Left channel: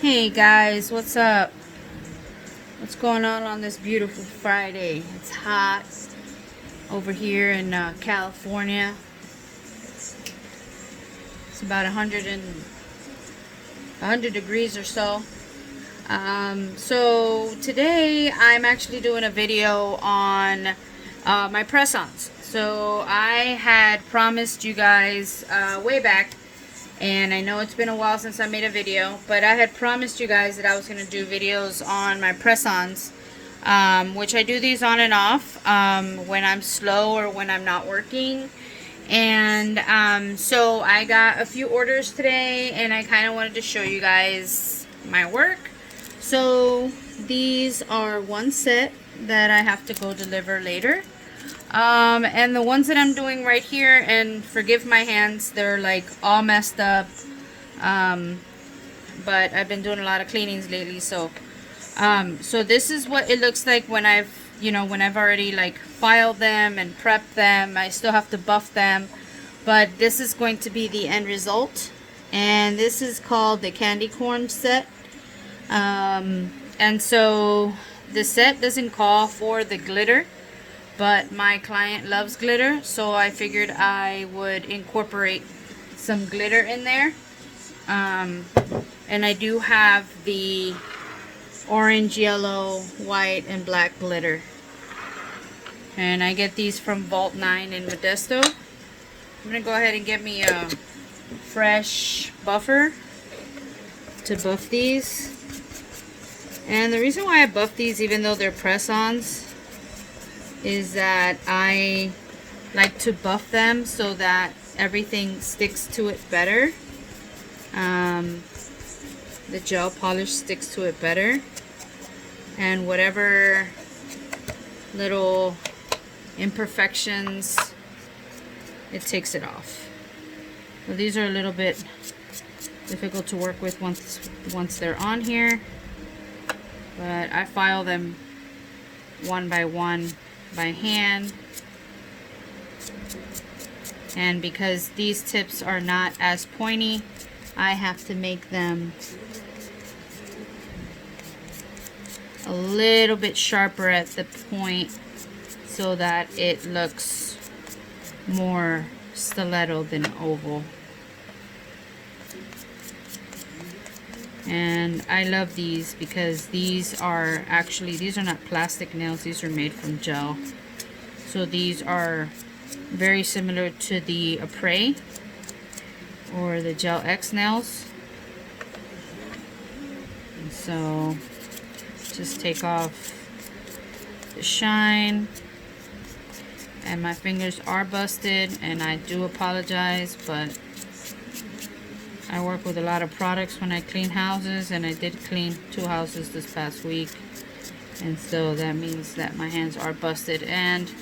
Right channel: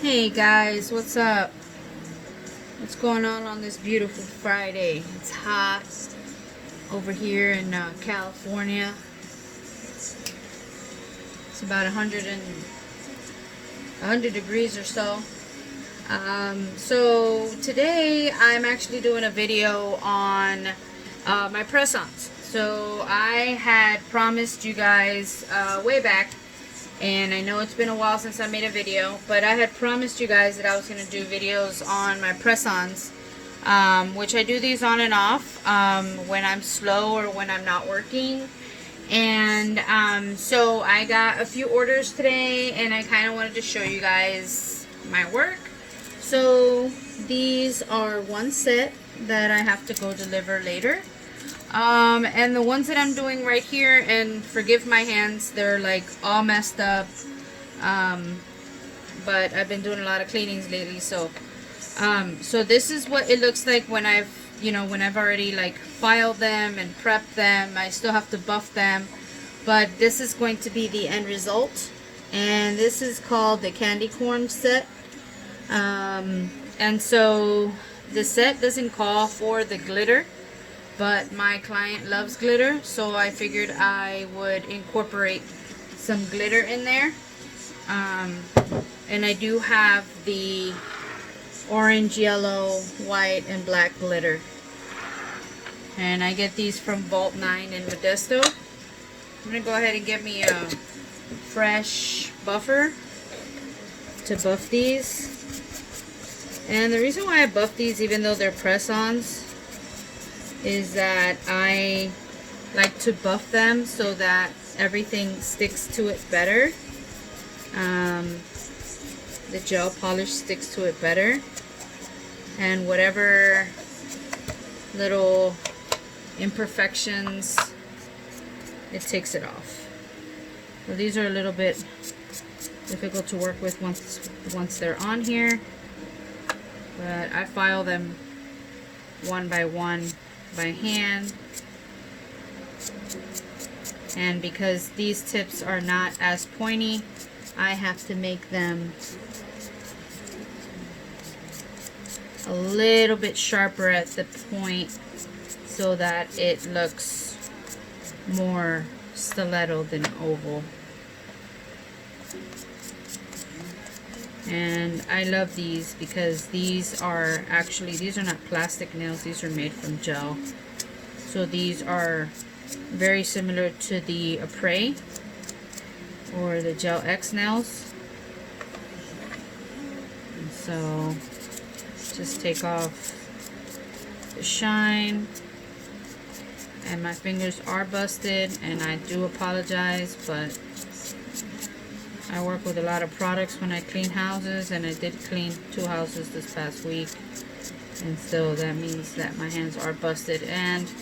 Hey guys, what's up? What's going on this beautiful Friday? It's hot over here in California. It's about 100 degrees or so. So today I'm actually doing a video on my press-ons. So I had promised you guys way back, and I know it's been a while since I made a video, but I had promised you guys that I was going to do videos on my press-ons, which I do these on and off when I'm slow or when I'm not working. And so I got a few orders today, and I kind of wanted to show you guys my work. So these are one set that I have to go deliver later. And the ones that I'm doing right here, and forgive my hands, they're like all messed up. But I've been doing a lot of cleanings lately, so this is what it looks like when I've already like filed them and prepped them. I still have to buff them, but this is going to be the end result. And this is called the candy corn set. And so the set doesn't call for the glitter, but my client loves glitter, so I figured I would incorporate some glitter in there. And I do have the orange, yellow, white, and black glitter. And I get these from Vault 9 in Modesto. I'm going to go ahead and get me a fresh buffer to buff these. And the reason why I buff these, even though they're press-ons, is that I like to buff them so that everything sticks to it better. The gel polish sticks to it better, and whatever little imperfections, it takes it off. So these are a little bit difficult to work with once they're on here, but I file them one by one by hand. And because these tips are not as pointy, I have to make them a little bit sharper at the point so that it looks more stiletto than oval. And I love these because these are not plastic nails, these are made from gel. So these are very similar to the Pressies or the Gel X nails. And so just take off the shine. And my fingers are busted, and I do apologize, but I work with a lot of products when I clean houses, and I did clean 2 houses this past week, and so that means that my hands are busted. And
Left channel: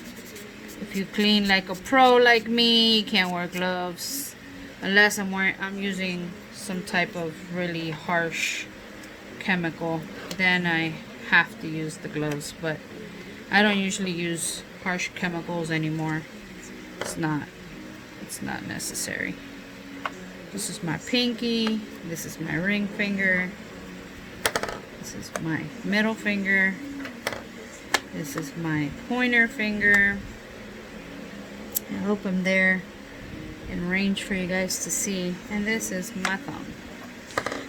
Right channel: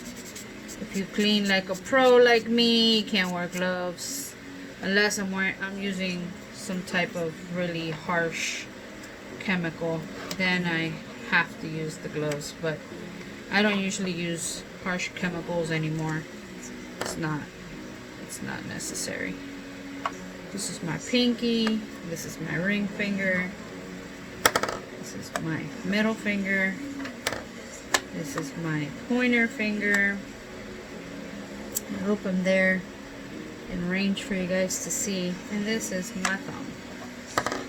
if you clean like a pro like me, you can't wear gloves unless I'm using some type of really harsh chemical. Then I have to use the gloves, but I don't usually use harsh chemicals anymore. It's not necessary. This is my pinky, this is my ring finger, this is my middle finger, this is my pointer finger. I hope I'm there in range for you guys to see. And this is my thumb.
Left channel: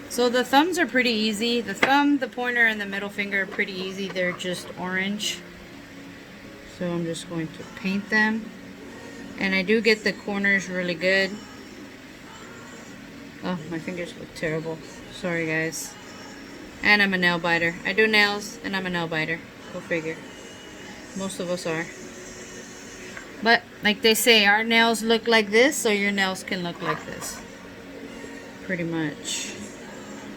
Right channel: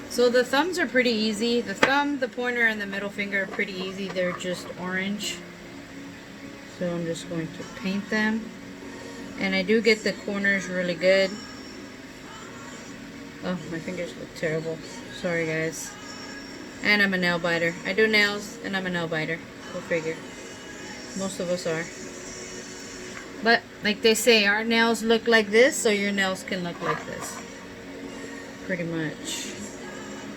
So the thumbs are pretty easy. The thumb, the pointer, and the middle finger are pretty easy. They're just orange. So I'm just going to paint them. And I do get the corners really good. Oh, my fingers look terrible. Sorry, guys. And I'm a nail biter. I do nails, and I'm a nail biter. Go figure. Most of us are. But, like they say, our nails look like this, so your nails can look like this. Pretty much.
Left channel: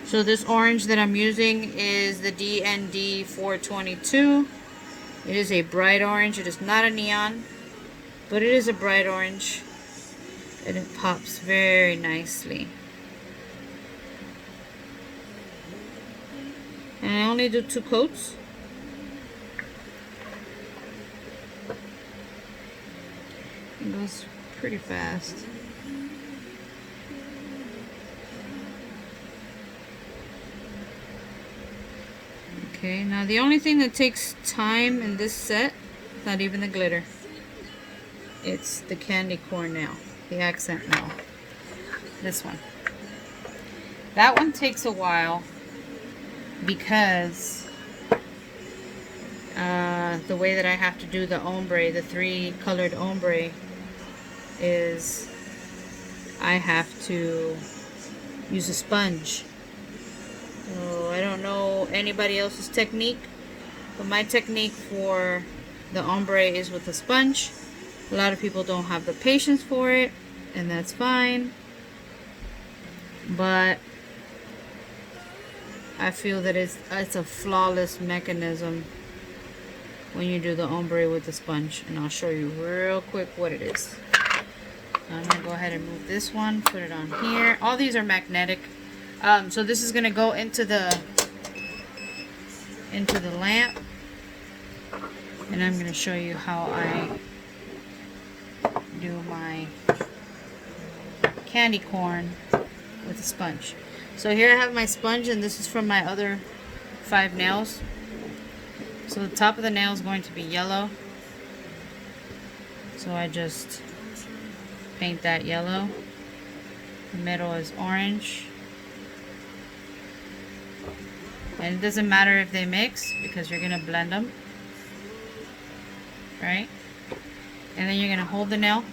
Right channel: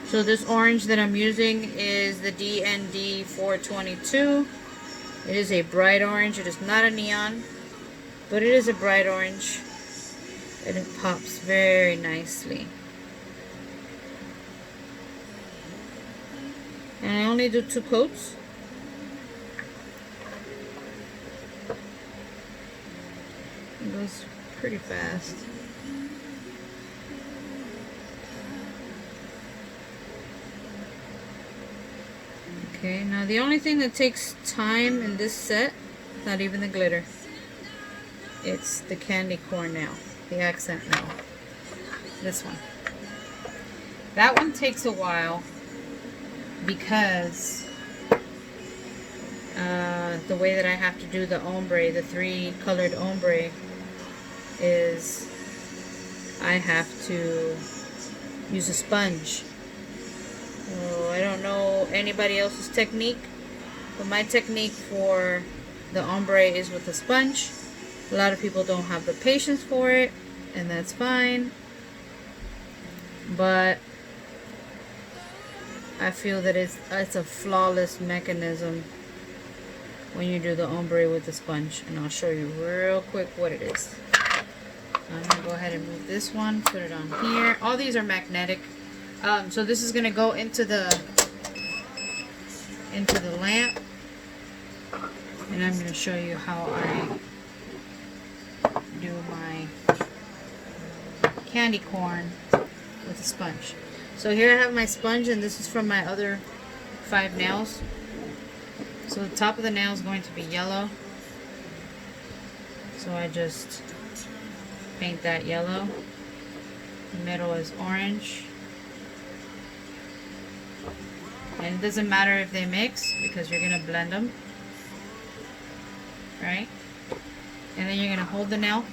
So this orange that I'm using is the DND 422. It is a bright orange. It is not a neon, but it is a bright orange. And it pops very nicely. And I only do 2 coats. It goes pretty fast. Okay, now the only thing that takes time in this set, not even the glitter, it's the candy corn nail, the accent nail. This one. That one takes a while because the way that I have to do the ombre, the 3 colored ombre, is I have to use a sponge. I don't know anybody else's technique, but my technique for the ombre is with a sponge. A lot of people don't have the patience for it, and that's fine. But I feel that it's a flawless mechanism when you do the ombre with the sponge, and I'll show you real quick what it is. I'm gonna go ahead and move this one, put it on here. All these are magnetic, so this is gonna go into the lamp, and I'm gonna show you how I do my candy corn with a sponge. So here I have my sponge, and this is from my other 5 nails. So the top of the nail is going to be yellow. So I just paint that yellow. The middle is orange. And it doesn't matter if they mix because you're going to blend them. Right? And then you're going to hold the nail.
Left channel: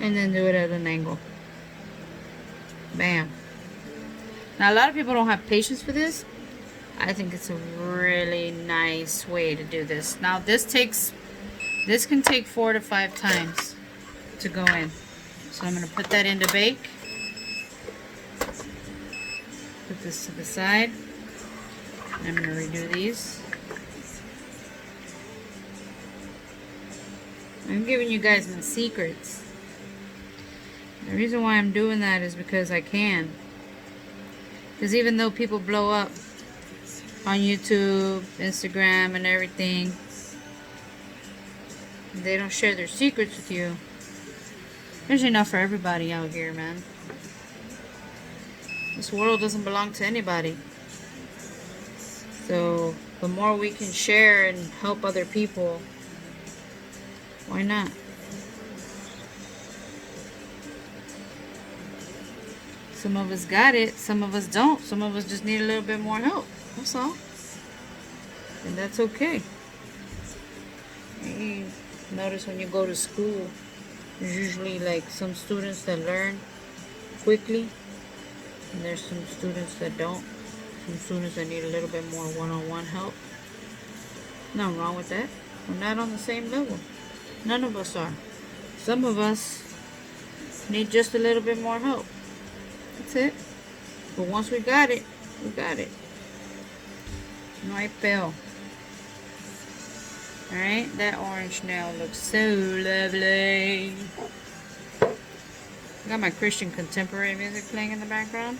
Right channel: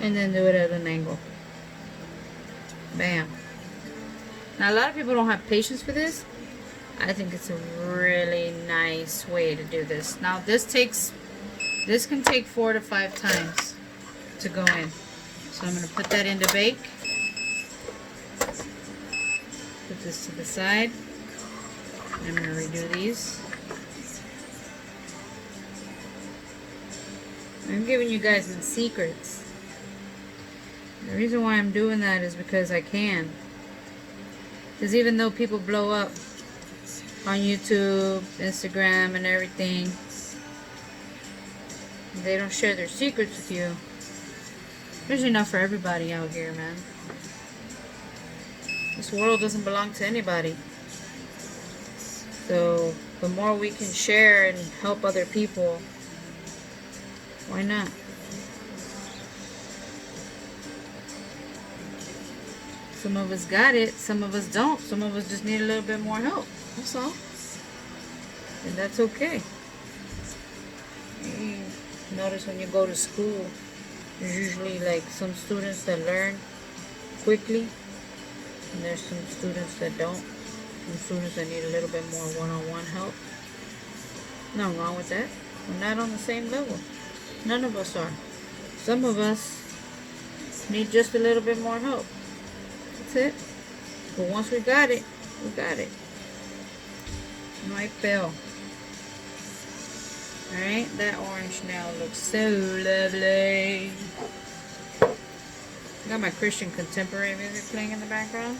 And then do it at an angle. Bam. Now a lot of people don't have patience for this. I think it's a really nice way to do this. Now this can take 4 to 5 times to go in. So I'm going to put that in to bake. Put this to the side. I'm going to redo these. I'm giving you guys some secrets. The reason why I'm doing that is because I can. Because even though people blow up on YouTube, Instagram, and everything, they don't share their secrets with you. Especially not for everybody out here, man. This world doesn't belong to anybody. So the more we can share and help other people, why not? Some of us got it, some of us don't. Some of us just need a little bit more help. That's all. And that's okay. You notice when you go to school, there's usually like some students that learn quickly, and there's some students that don't. Some students that need a little bit more one-on-one help. Nothing wrong with that. We're not on the same level. None of us are. Some of us need just a little bit more help. That's it. But once we got it, we got it. No hay pedo. Alright, that orange now looks so lovely. I got my Christian contemporary music playing in the background.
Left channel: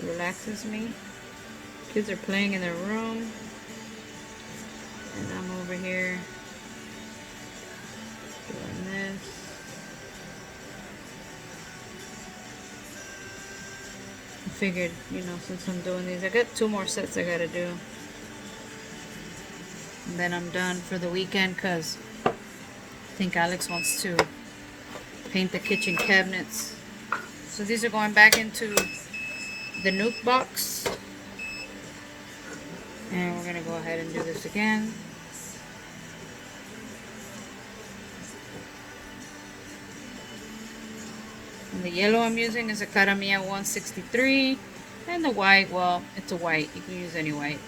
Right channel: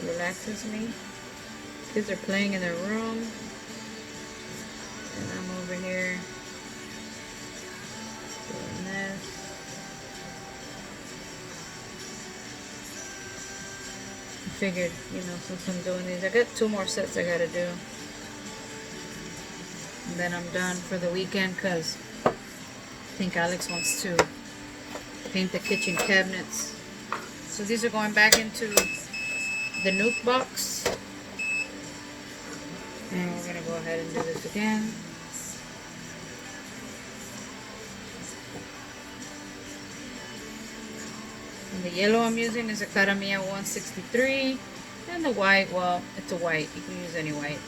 It relaxes me. Kids are playing in their room. And I'm over here doing this. I figured, since I'm doing these, I got 2 more sets I gotta do. And then I'm done for the weekend because I think Alex wants to paint the kitchen cabinets. So these are going back into the nuke box. And we're going to go ahead and do this again. And the yellow I'm using is a Caramia 163. And the white, well, it's a white. You can use any white.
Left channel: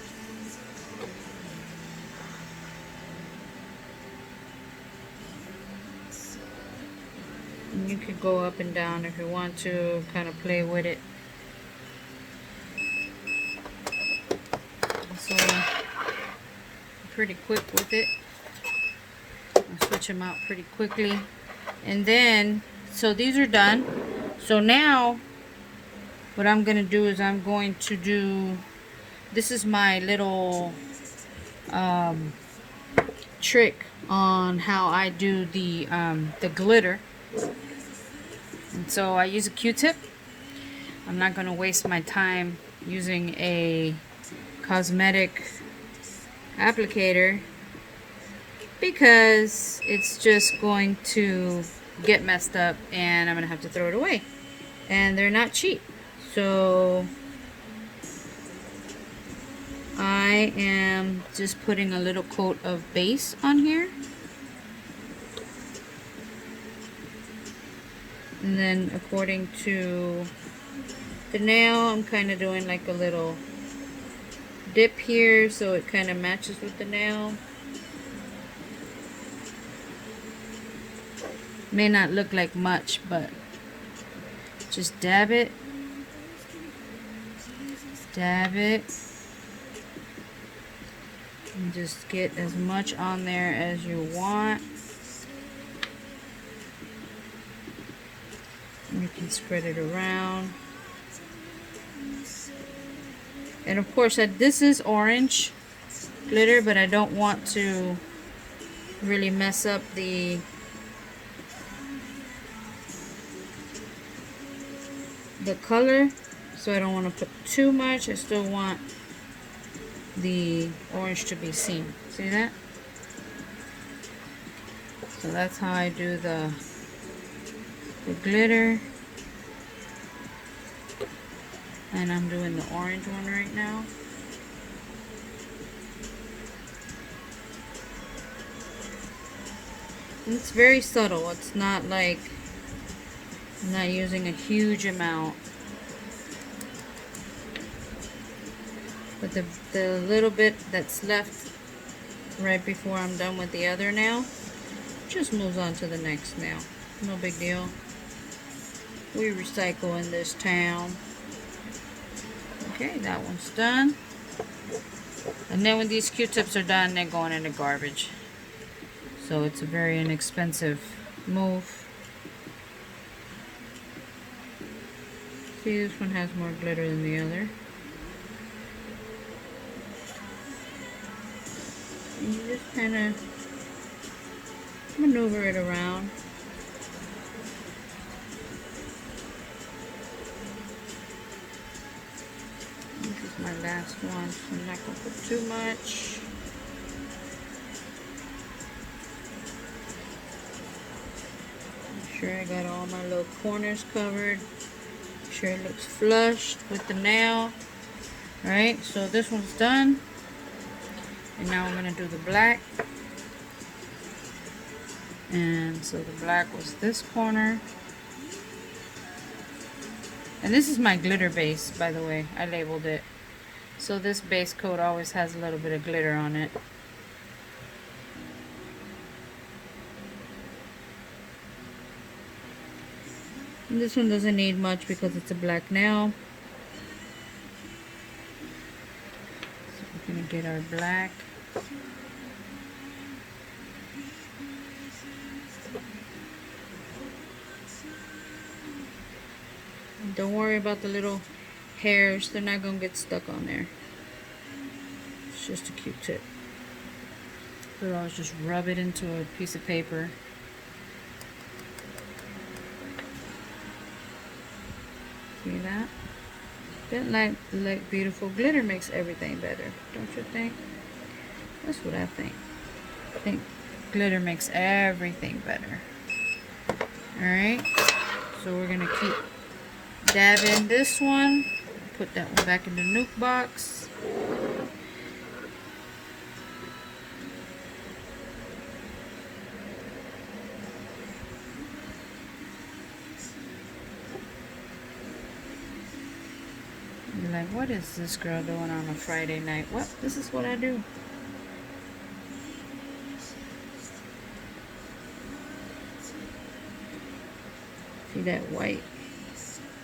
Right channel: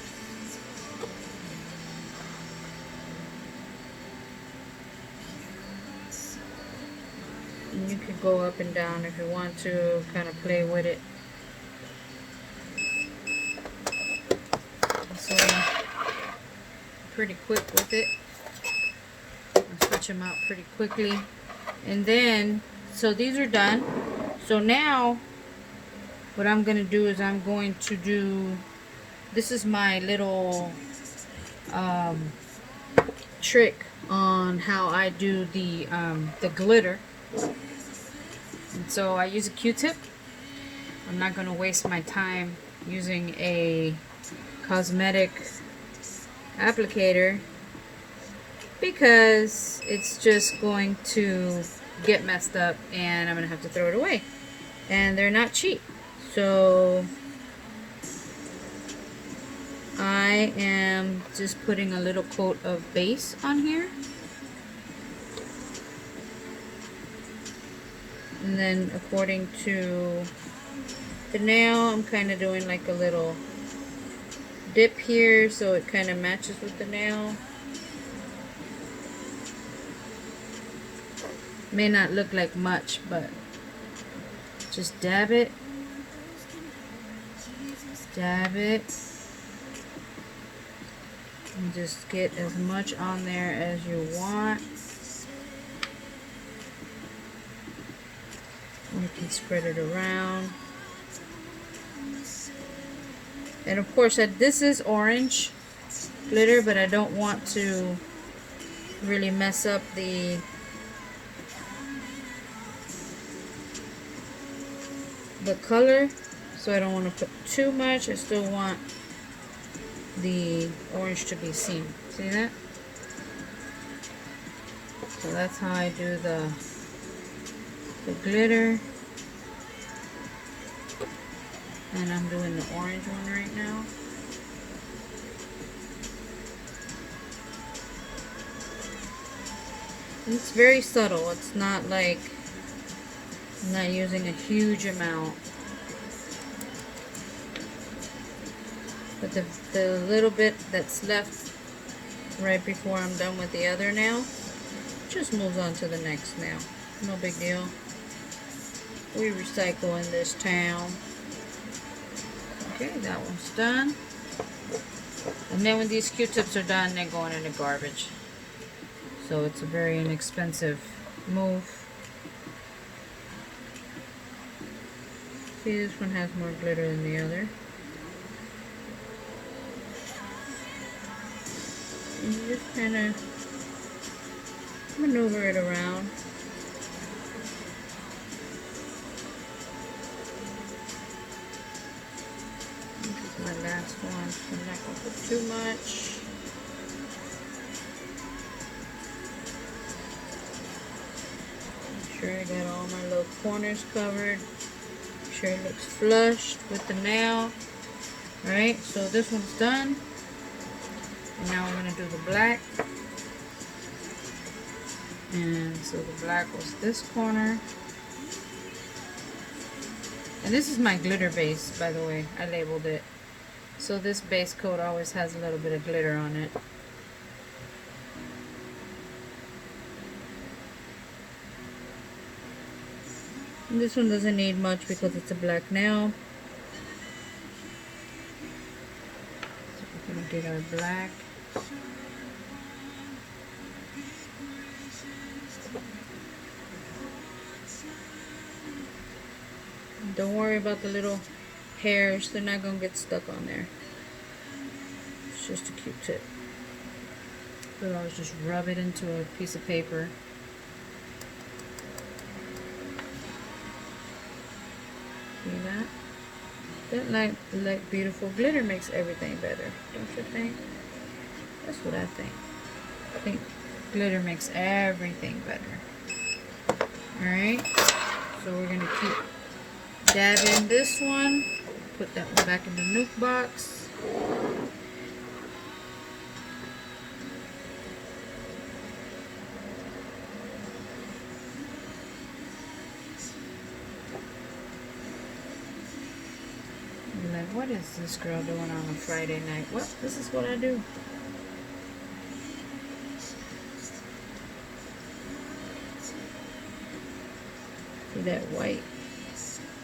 And you could go up and down if you want to, kind of play with it. So, pretty quick with it. I'll switch them out pretty quickly. And then, so these are done. So now, what I'm going to do is I'm going to do, this is my little trick on how I do the glitter. And so I use a Q-tip, I'm not going to waste my time using a cosmetic applicator because it's just going to get messed up and I'm going to have to throw it away. And they're not cheap. So I am just putting a little coat of base on here. And then according to the nail, I'm kind of doing like a little dip here so it kind of matches with the nail. May not look like much, but just dab it. Dab it. And just get as much on there as you want. You can spread it around. And of course, this is orange glitter, but I don't want to really mess up the color, so I don't want to put too much. I still want the orange to be seen. See that? So that's how I do the glitter. And I'm doing the orange one right now. It's very subtle. It's not like I'm not using a huge amount. But the little bit that's left right before I'm done with the other nail just moves on to the next nail. No big deal. We recycle in this town. Okay, that one's done. And then when these Q-tips are done, they're going in the garbage. So it's a very inexpensive move. See, this one has more glitter than the other. And you just kind of maneuver it around. This is my last one. I'm not going to put too much. Make sure I got all my little corners covered. Make sure it looks flushed with the nail. Alright, so this one's done. And now I'm going to do the black. And so the black was this corner. And this is my glitter base, by the way. I labeled it. So this base coat always has a little bit of glitter on it. And this one doesn't need much because it's a black nail. So we're going to get our black. Don't worry about the little hairs. They're not going to get stuck on there. It's just a Q-tip. So I'll just rub it into a piece of paper. See that? That like beautiful glitter makes everything better. Don't you think? That's what I think. I think glitter makes everything better. Alright. So we're going to keep dabbing this one. Put that one back in the nuke box. You're like, what is this girl doing on a Friday night? What? This is what I do. See that white?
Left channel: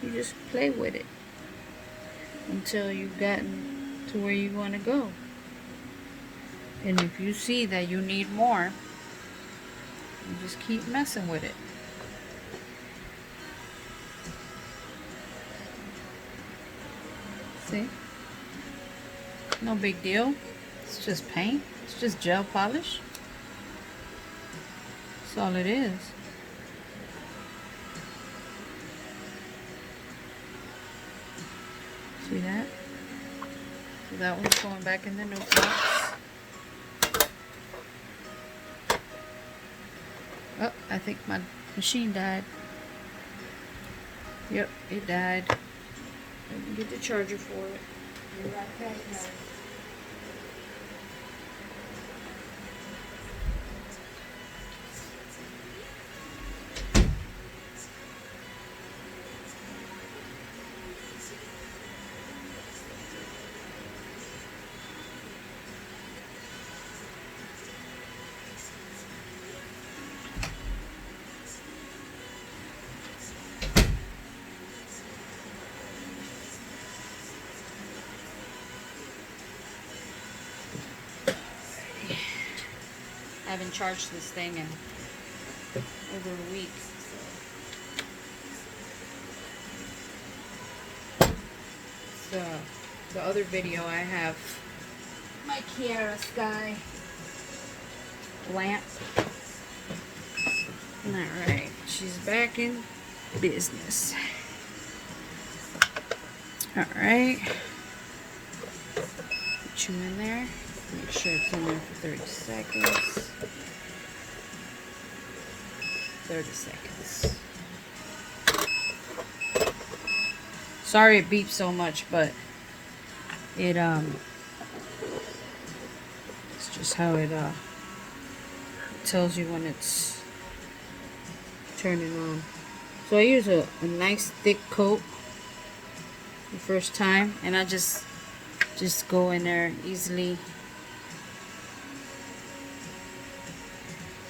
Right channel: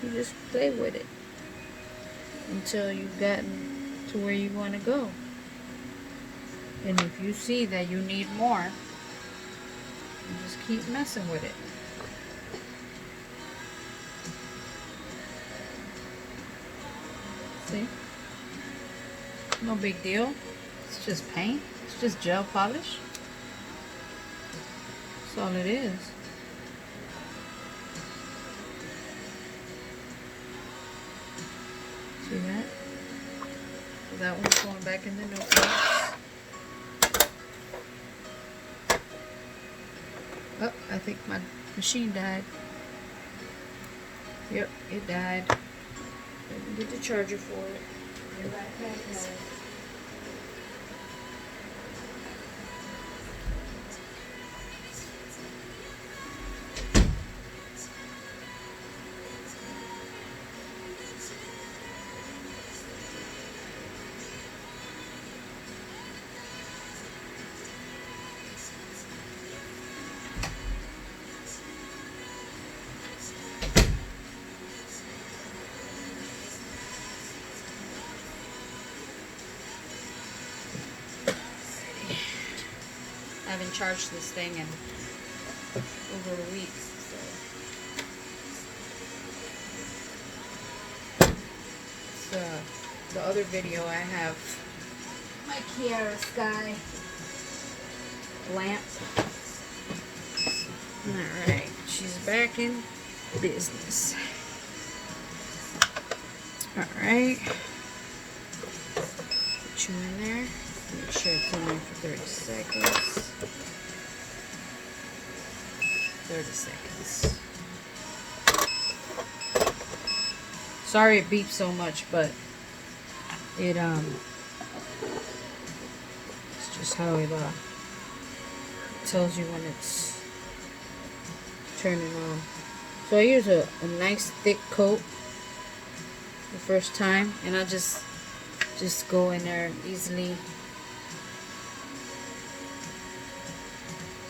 You just play with it until you've gotten to where you want to go. And if you see that you need more, you just keep messing with it. See? No big deal. It's just paint. It's just gel polish. That's all it is. See that? So that one's going back in the new box. Oh, I think my machine died. Yep, it died. Let me get the charger for it. I haven't charged this thing in over a week. So the other video I have my Kiara Sky lamp. Alright, she's back in business. Alright. Put you in there. Make sure it's on for 30 seconds. 30 seconds. Sorry it beeps so much, but it it's just how it tells you when it's turning on. So I use a nice thick coat the first time, and I just go in there easily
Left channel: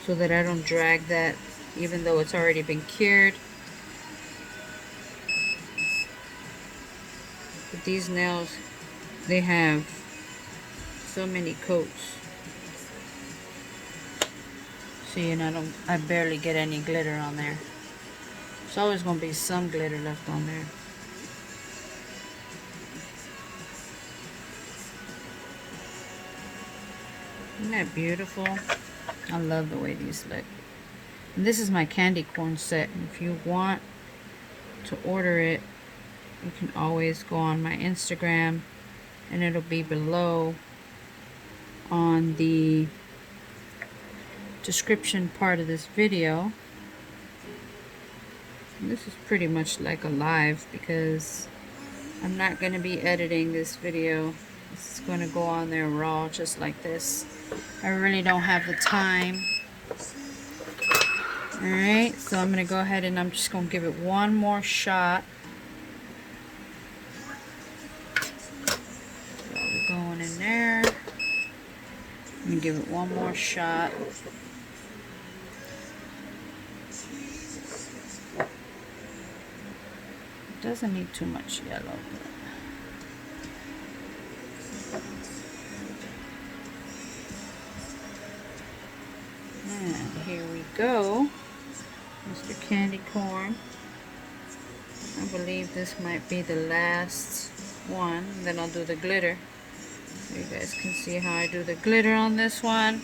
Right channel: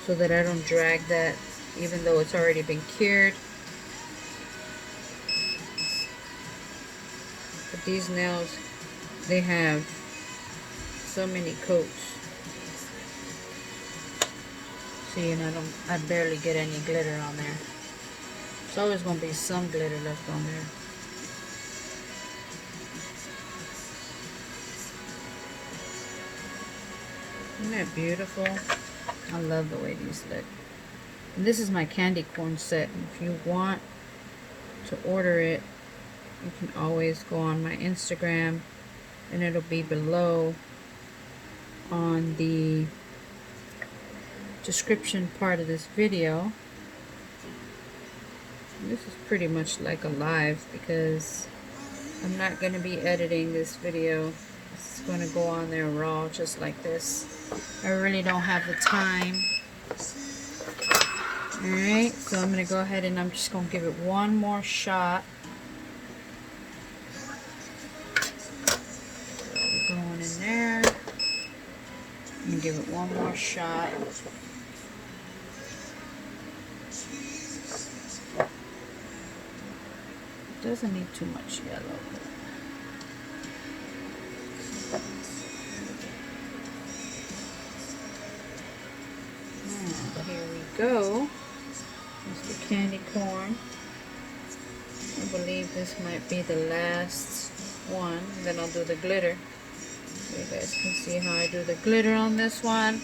so that I don't drag that, even though it's already been cured. But these nails, they have so many coats. See, and I barely get any glitter on there. There's always going to be some glitter left on there. Isn't that beautiful? I love the way these look. And this is my candy corn set. If you want to order it, you can always go on my Instagram, and it'll be below on the description part of this video. And this is pretty much like a live because I'm not going to be editing this video. It's going to go on there raw just like this. I really don't have the time. Alright, so I'm going to go ahead and I'm just going to give it one more shot. So we're going in there. I'm going to give it one more shot. It doesn't need too much yellow. And here we go. Mr. Candy Corn. I believe this might be the last one. Then I'll do the glitter. So you guys can see how I do the glitter on this one.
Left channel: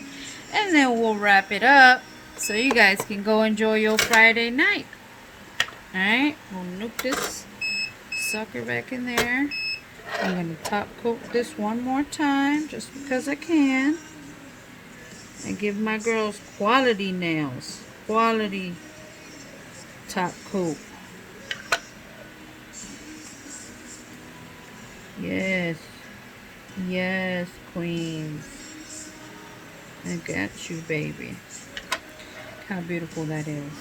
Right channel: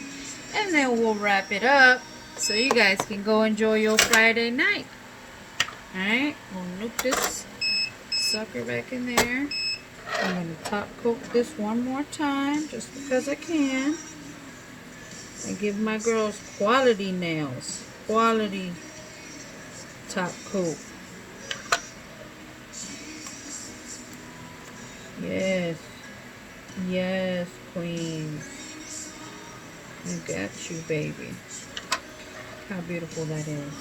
And then we'll wrap it up so you guys can go enjoy your Friday night. Alright, we'll nuke this sucker back in there. I'm going to top coat this one more time just because I can. And give my girls quality nails. Quality top coat. Yes. Yes, queens. I got you, baby. Look how beautiful that is.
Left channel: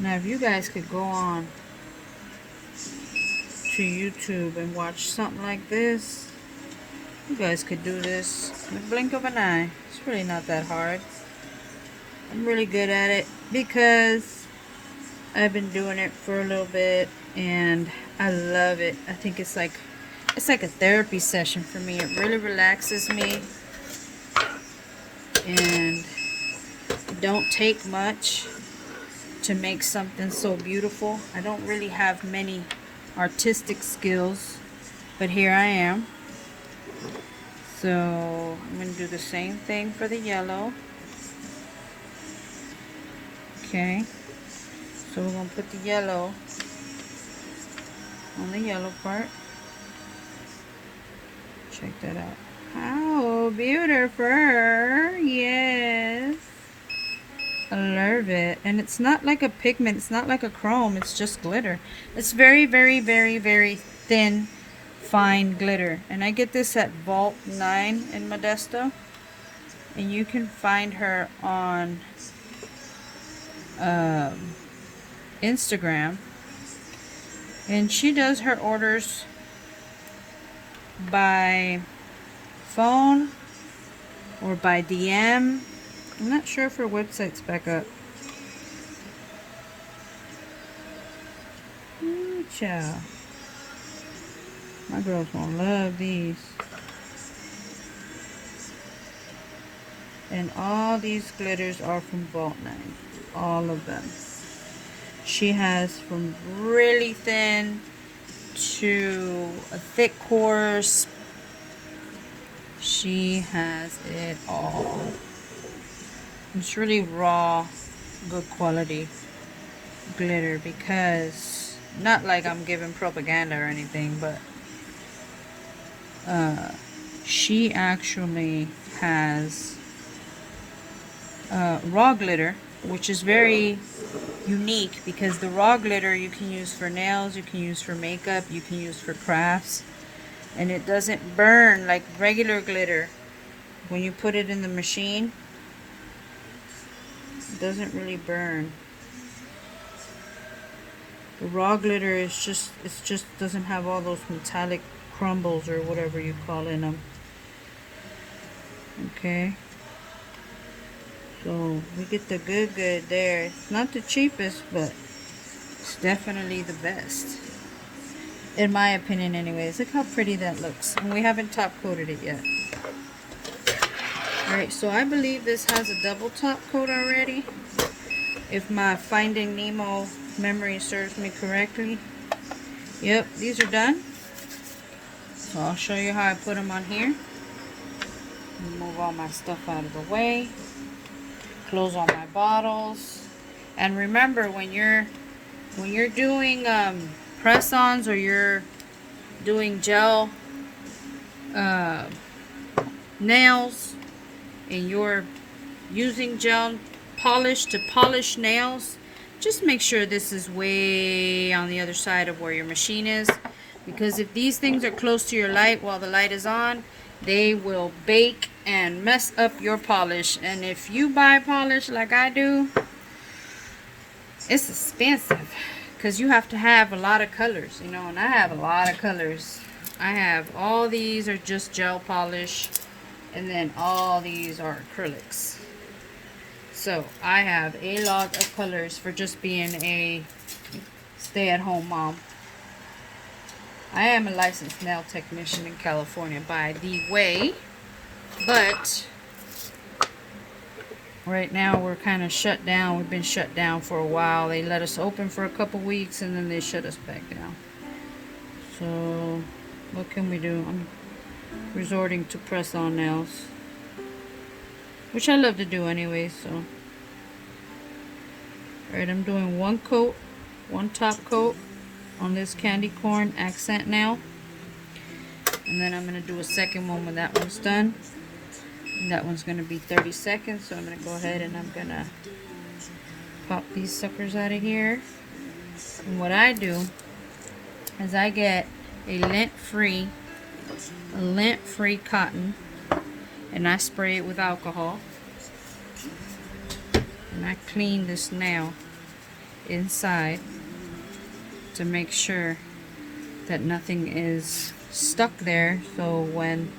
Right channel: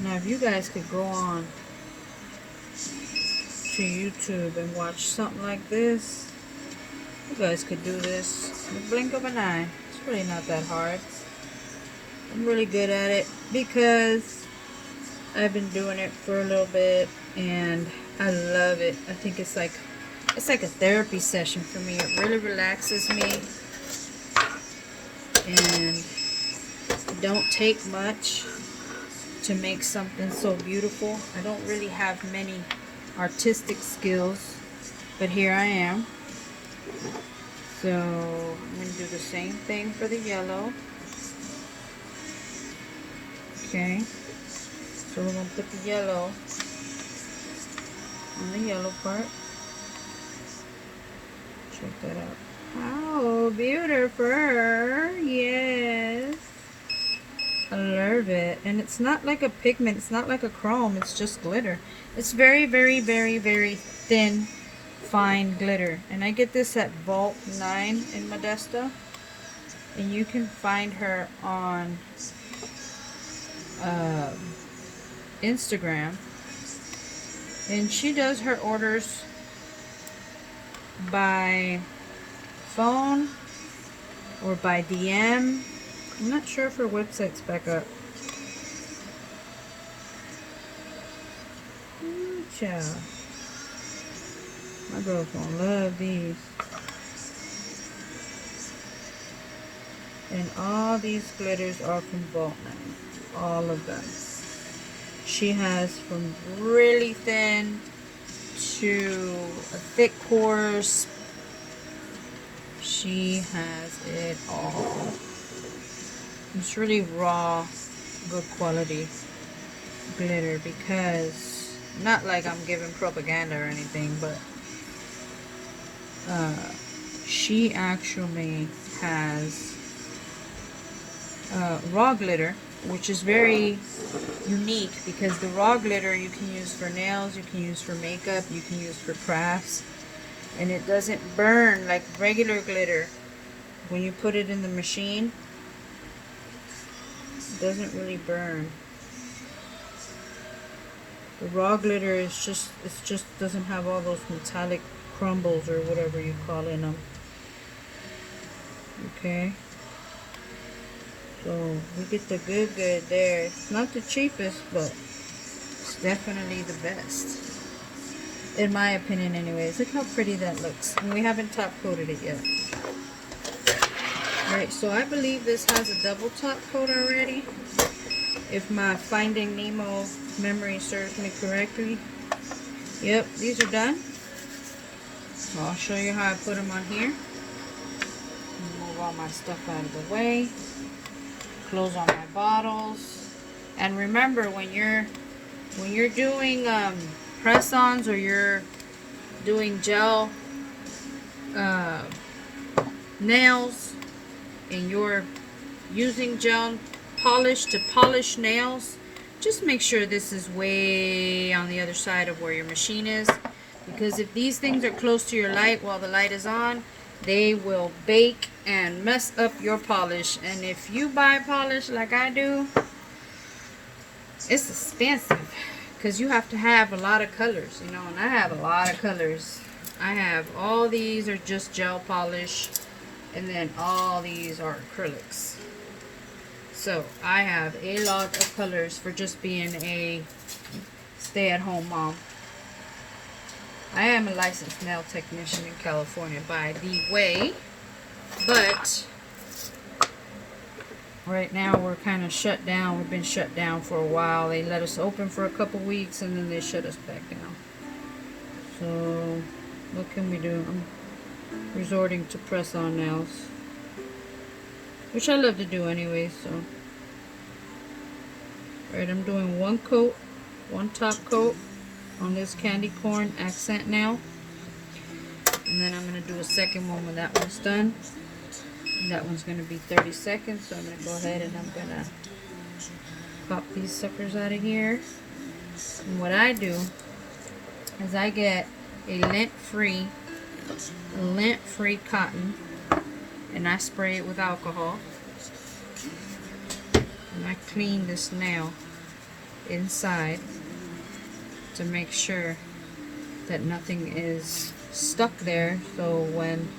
Now, if you guys could go on to YouTube and watch something like this, you guys could do this in the blink of an eye. It's really not that hard. I'm really good at it because I've been doing it for a little bit and I love it. I think it's like a therapy session for me. It really relaxes me, and it don't take much to make something so beautiful. I don't really have many artistic skills, but here I am. So I'm going to do the same thing for the yellow. Okay, so we're going to put the yellow on the yellow part. Check that out. Oh, beautiful. Yes. I love it. And it's not like a pigment. It's not like a chrome. It's just glitter. It's very, very, very, very thin, fine glitter. And I get this at Vault 9 in Modesto. And you can find her on Instagram. And she does her orders by phone or by DM. I'm not sure if her website's back up. Ooh, child. My girls gonna love these. And all these glitters are from Vault 9. All of them. She has from really thin to a thick course. She has it all. It's really raw, good quality glitter, because not like I'm giving propaganda or anything, but she actually has raw glitter, which is very unique, because the raw glitter you can use for nails, you can use for makeup, you can use for crafts, and it doesn't burn like regular glitter. When you put it in the machine, it doesn't really burn. The raw glitter is just, it just doesn't have all those metallic crumbles or whatever you call in them. Okay. So we get the good there. It's not the cheapest, but it's definitely the best. In my opinion anyways. Look how pretty that looks. And we haven't top coated it yet. Alright, so I believe this has a double top coat already. If my Finding Nemo memory serves me correctly. Yep, these are done. So I'll show you how I put them on here. Move all my stuff out of the way. Close all my bottles. And remember, when you're doing press-ons, or you're doing gel nails, and you're using gel polish to polish nails, just make sure this is way on the other side of where your machine is, because if these things are close to your light while the light is on, they will bake and mess up your polish. And if you buy polish like I do, it's expensive, because you have to have a lot of colors, you know, and I have a lot of colors. I have, all these are just gel polish, and then all these are acrylics. So I have a lot of colors for just being a stay-at-home mom. I am a licensed nail technician in California, by the way, but right now we're kind of shut down. We've been shut down for a while. They let us open for a couple weeks and then they shut us back down. So what can we do? I'm resorting to press-on nails, which I love to do anyway. So alright, I'm doing one coat, one top coat on this candy corn accent nail, and then I'm going to do a second one when that one's done. And that one's going to be 30 seconds, so I'm going to go ahead and I'm going to pop these suckers out of here. And what I do is I get a lint-free cotton, and I spray it with alcohol, and I clean this nail inside to make sure that nothing is stuck there, so when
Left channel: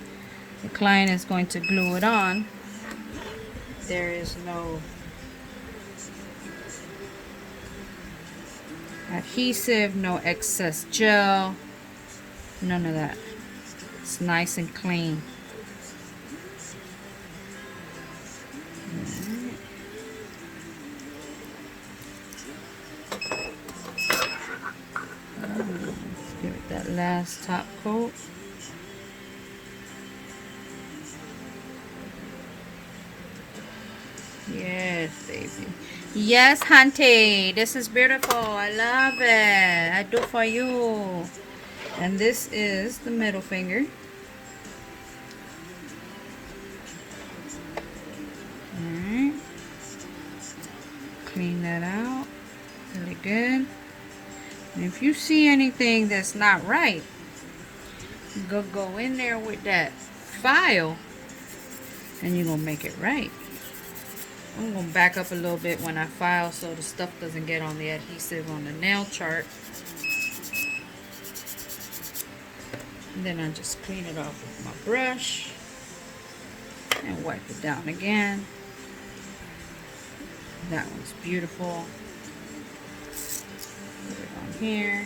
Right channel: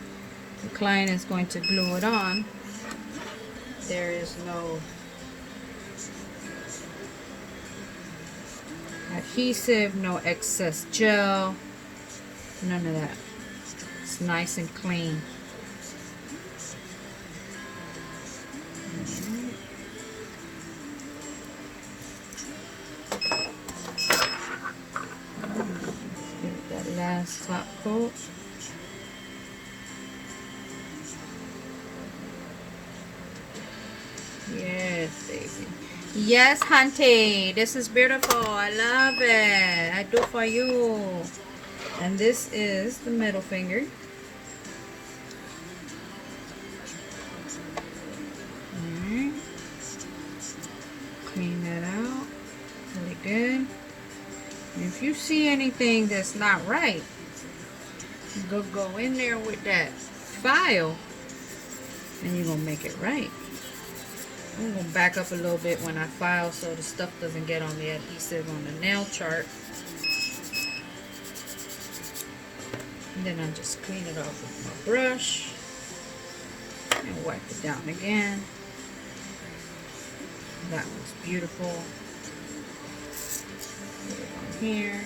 the client is going to glue it on, there is no adhesive, no excess gel, none of that. It's nice and clean. Let's give it that last top coat. Yes, baby. Yes, hunty. This is beautiful. I love it. I do for you. And this is the middle finger. Clean that out really good. And if you see anything that's not right, you go in there with that file and you're gonna make it right. I'm gonna back up a little bit when I file so the stuff doesn't get on the adhesive on the nail chart. And then I'll just clean it off with my brush and wipe it down again. That one's beautiful. Put it on here.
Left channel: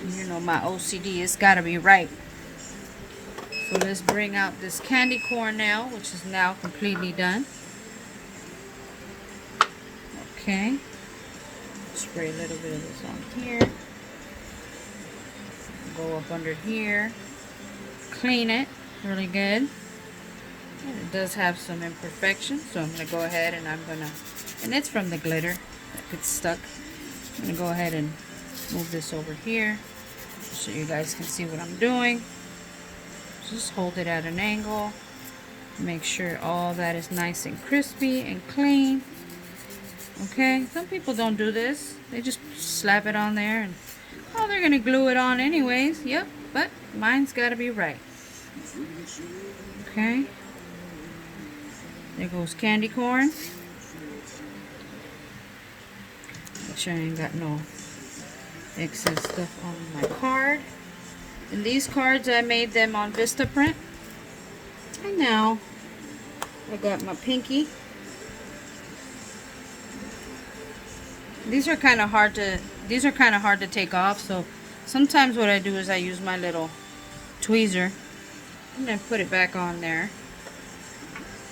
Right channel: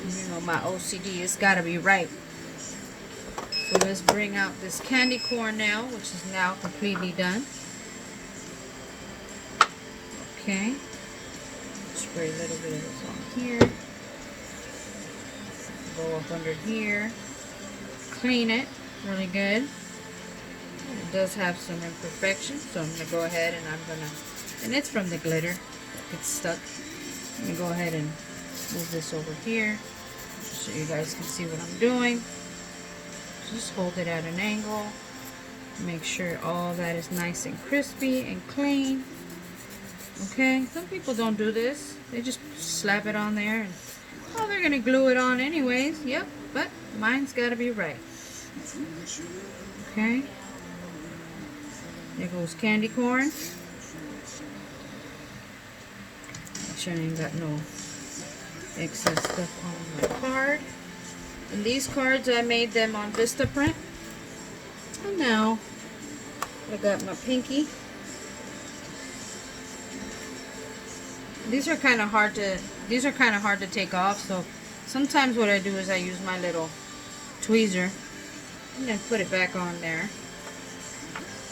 And you know my OCD, it's gotta be right. So let's bring out this candy corn nail, which is now completely done. Okay. Spray a little bit of this on here. Go up under here. Clean it really good. It does have some imperfections, so I'm going to go ahead and and it's from the glitter. It gets stuck. I'm going to go ahead and move this over here so you guys can see what I'm doing. Just hold it at an angle. Make sure all that is nice and crispy and clean. Okay, some people don't do this. They just slap it on there and, oh, they're going to glue it on anyways. Yep, but mine's got to be right. Okay. There goes candy corn. Make sure I ain't got no excess stuff on my card. And these cards, I made them on Vistaprint. And now I got my pinky. These are kind of hard to take off, so sometimes what I do is I use my little tweezer and then put it back on there.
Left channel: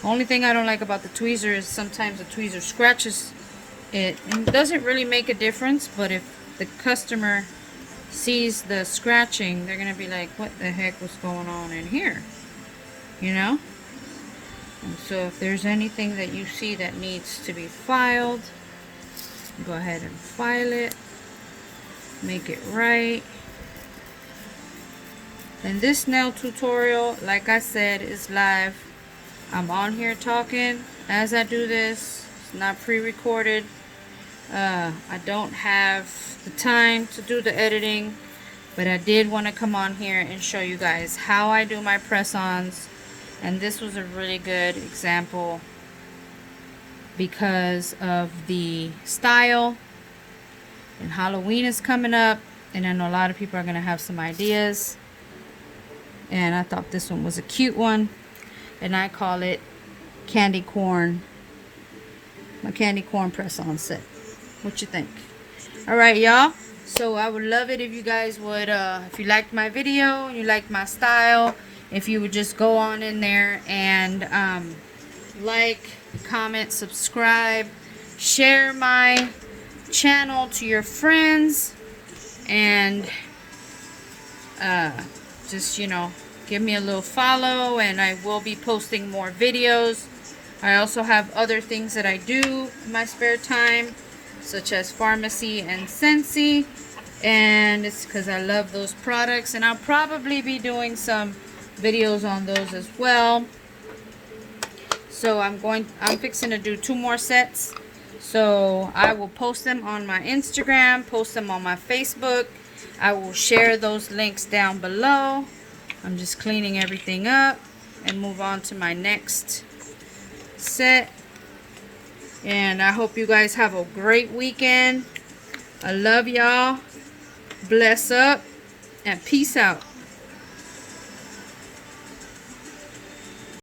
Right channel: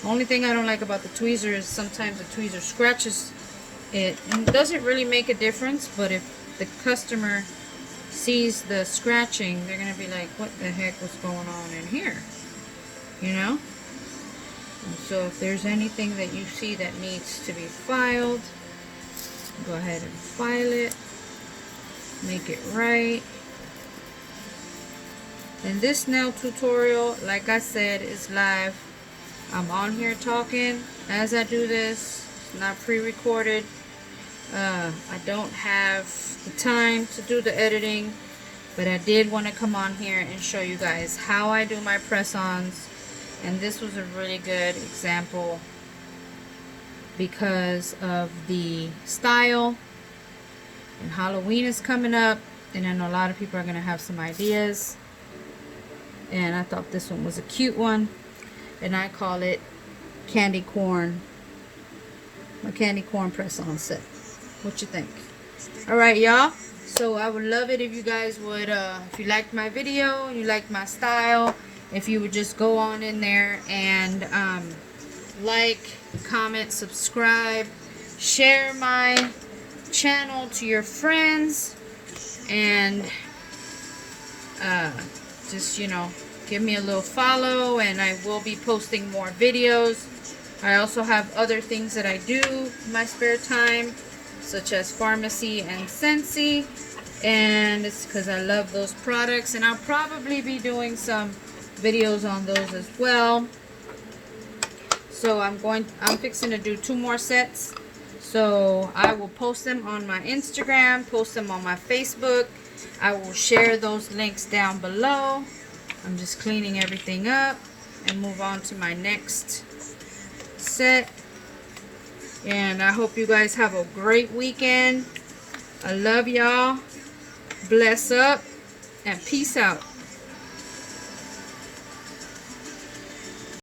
Only thing I don't like about the tweezer is sometimes the tweezer scratches it, and it doesn't really make a difference, but if the customer sees the scratching, they're gonna be like, what the heck was going on in here, you know? And so if there's anything that you see that needs to be filed, go ahead and file it, make it right. And this nail tutorial, like I said, is live. I'm on here talking as I do this. It's not pre-recorded. I don't have the time to do the editing, but I did want to come on here and show you guys how I do my press-ons. And this was a really good example because of the style, and Halloween is coming up, and I know a lot of people are going to have some ideas, and I thought this one was a cute one, and I call it candy corn, my candy corn press-on set. What you think? Alright, y'all, so I would love it if you guys would, if you liked my video, you liked my style, if you would just go on in there and like, comment, subscribe, share my channel to your friends, and just, you know, give me a little follow, and I will be posting more videos. I also have other things that I do in my spare time, such as Pharmacy and Scentsy, and it's because I love those products, and I'll probably be doing some videos on those as well. So I'm fixing to do 2 more sets. So I will post them on my Instagram, post them on my Facebook. I will share those links down below. I'm just cleaning everything up and move on to my next set. And I hope you guys have a great weekend. I love y'all. Bless up and peace out.